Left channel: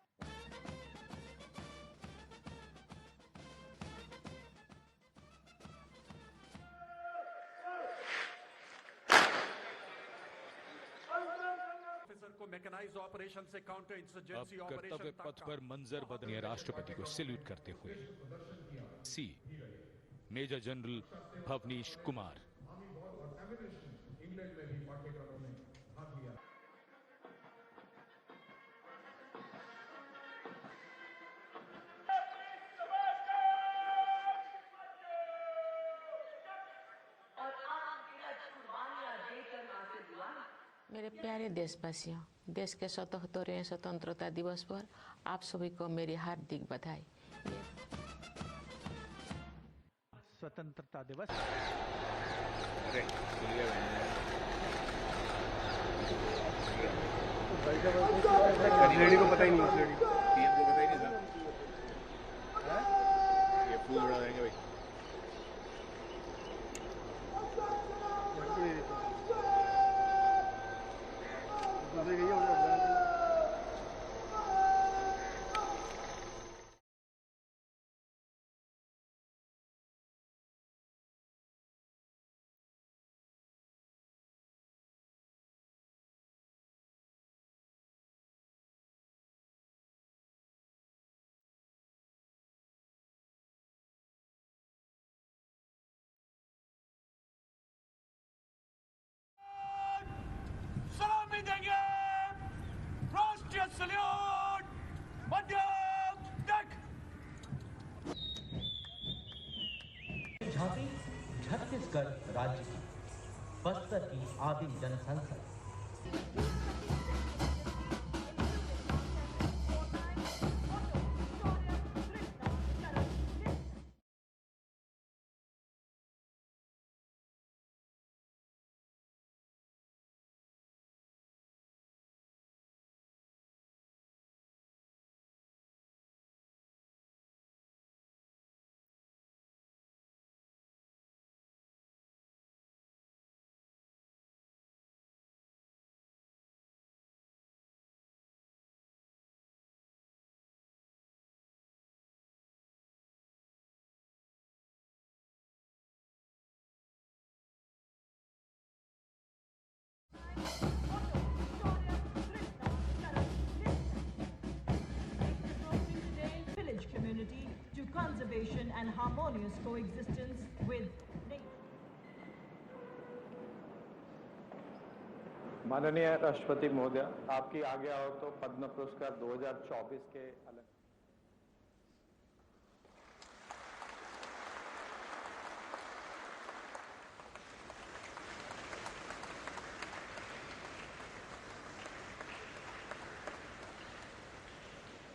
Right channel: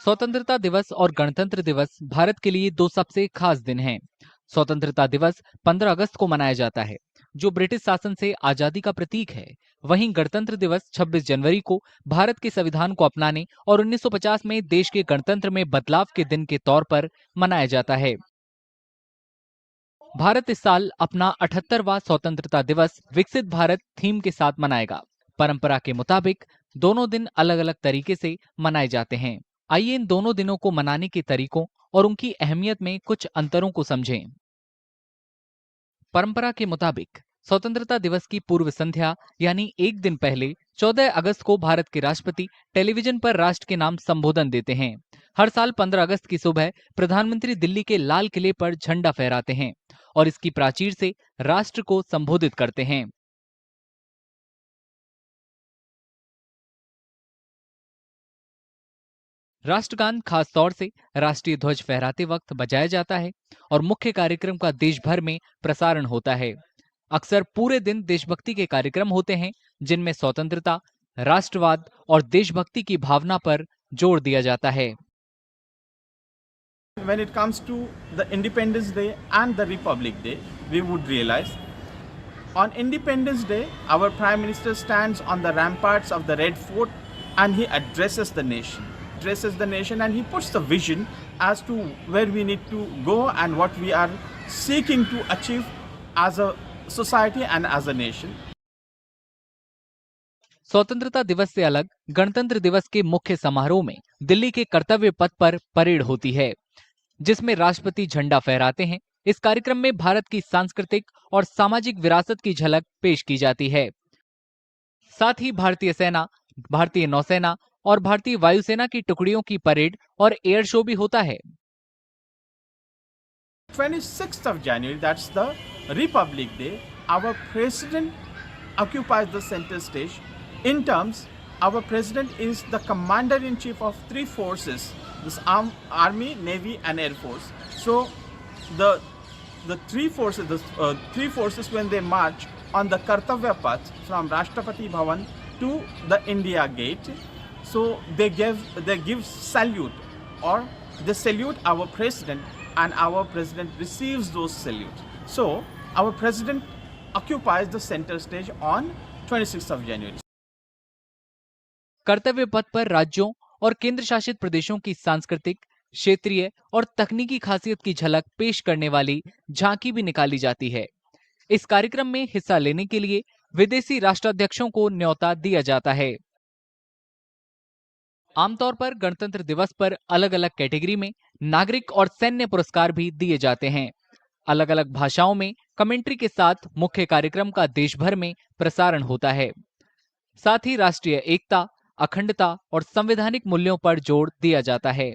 स्वतंत्रता दिवस और गणतंत्र दिवस भारत के लिए दो सबसे खास दिन हैं। स्वतंत्रता दिवस 15 अगस्त को मनाया जाता है, जो ब्रिटिश शासन से आजादी का प्रतीक है। वहीं गणतंत्र दिवस 26 जनवरी को भारत के संविधान को अपनाने और 1950 में देश के गणतंत्र में बदलाव के दिन के तौर पर मनाया जाता है। भारत इस साल अपना 78वां स्वतंत्रता दिवस विकसित भारत थीम के साथ मनाएगा। परंपरा के मुताबिक दोनों दिन अलग अलग तरीके से मनाए जाते हैं। आइए इन दोनों दिनों को मनाने के तरीकों और उनकी अहमियत में कुछ अंतरों को समझें। परंपरा के मुताबिक स्वतंत्रता दिवस की पूर्व संध्या यानी एक दिन पहले 14 अगस्त को भारत के राष्ट्रपति टेलीविजन पर राष्ट्र के नाम संबोधन देते हैं। हर साल 15 अगस्त की सुबह प्रधानमंत्री दिल्ली के लाल किले पर झंडा फहराते हैं और इसकी प्राचीर से राष्ट्र को संबोधित करते हैं। राष्ट्रगान खास तौर से राष्ट्रीय ध्वज फहराते वक्त बजाया जाता है और मुख्य कार्यक्रम का देश भर में प्रसारण होता है। अक्सर पूरे दिन देशभक्ति के कार्यक्रम होते हैं, जिनमें स्वतंत्रता, राष्ट्रवाद और देशभक्ति की भावना पर जोर दिया जाता है। When it comes to the Independence Day and the Republic Day, we would realize on Independence Day, our Prime Minister stands on the ramparts of the Red Fort and he addresses the nation. And he puts the vision as to where we need to go and what we are seeking to achieve as a society and as a nation. स्वतंत्रता दिवस से अलग गणतंत्र दिवस के मुख्य समारोह में दिल्ली के कर्तव्य पथ पर परेड होती है, जिसमें राष्ट्रपति झंडा फहराते हैं। इस कार्यक्रम में भारत की सांस्कृतिक और सामाजिक विरासत की झलक पेश की जाती है। साथ ही भारतीय सेना, भारतीय नौसेना और भारतीय वायुसेना की टुकड़ियों की परेड और एयर शो भी होता है। 26th of January, that's the Republic Day, our president occupies the center stage. In terms, our president is the commander-in-chief of three forces, this Army, Navy and Air Force. So the three forces when they march on the Kartavya Path from Rashtrapati Bhavan to the India Gate, so they give salute, or they salute our president and our president receives those salutes. So our president occupies the center stage on 26th of January. कर्तव्य पथ पर राज्यों और केंद्र शासित प्रदेशों की सांस्कृतिक, क्षेत्रीय और तकनीकी खासियत की झलक पेश करने वाली झांकी भी निकाली जाती है। इस कार्यक्रम में हिस्सा लेने के लिए विदेशी राष्ट्राध्यक्षों को न्योता दिया जाता है। आमतौर पर गणतंत्र दिवस पर अलग अलग कैटेगरी में नागरिक और सैन्य पुरस्कार भी दिए जाते हैं। अलग अलग भाषाओं में कमेंट्री के साथ मुख्य कार्यक्रम का देश भर में प्रसारण होता है। साथ ही राष्ट्रीय एकता, अखंडता और संवैधानिक मूल्यों पर जोर दिया जाता है।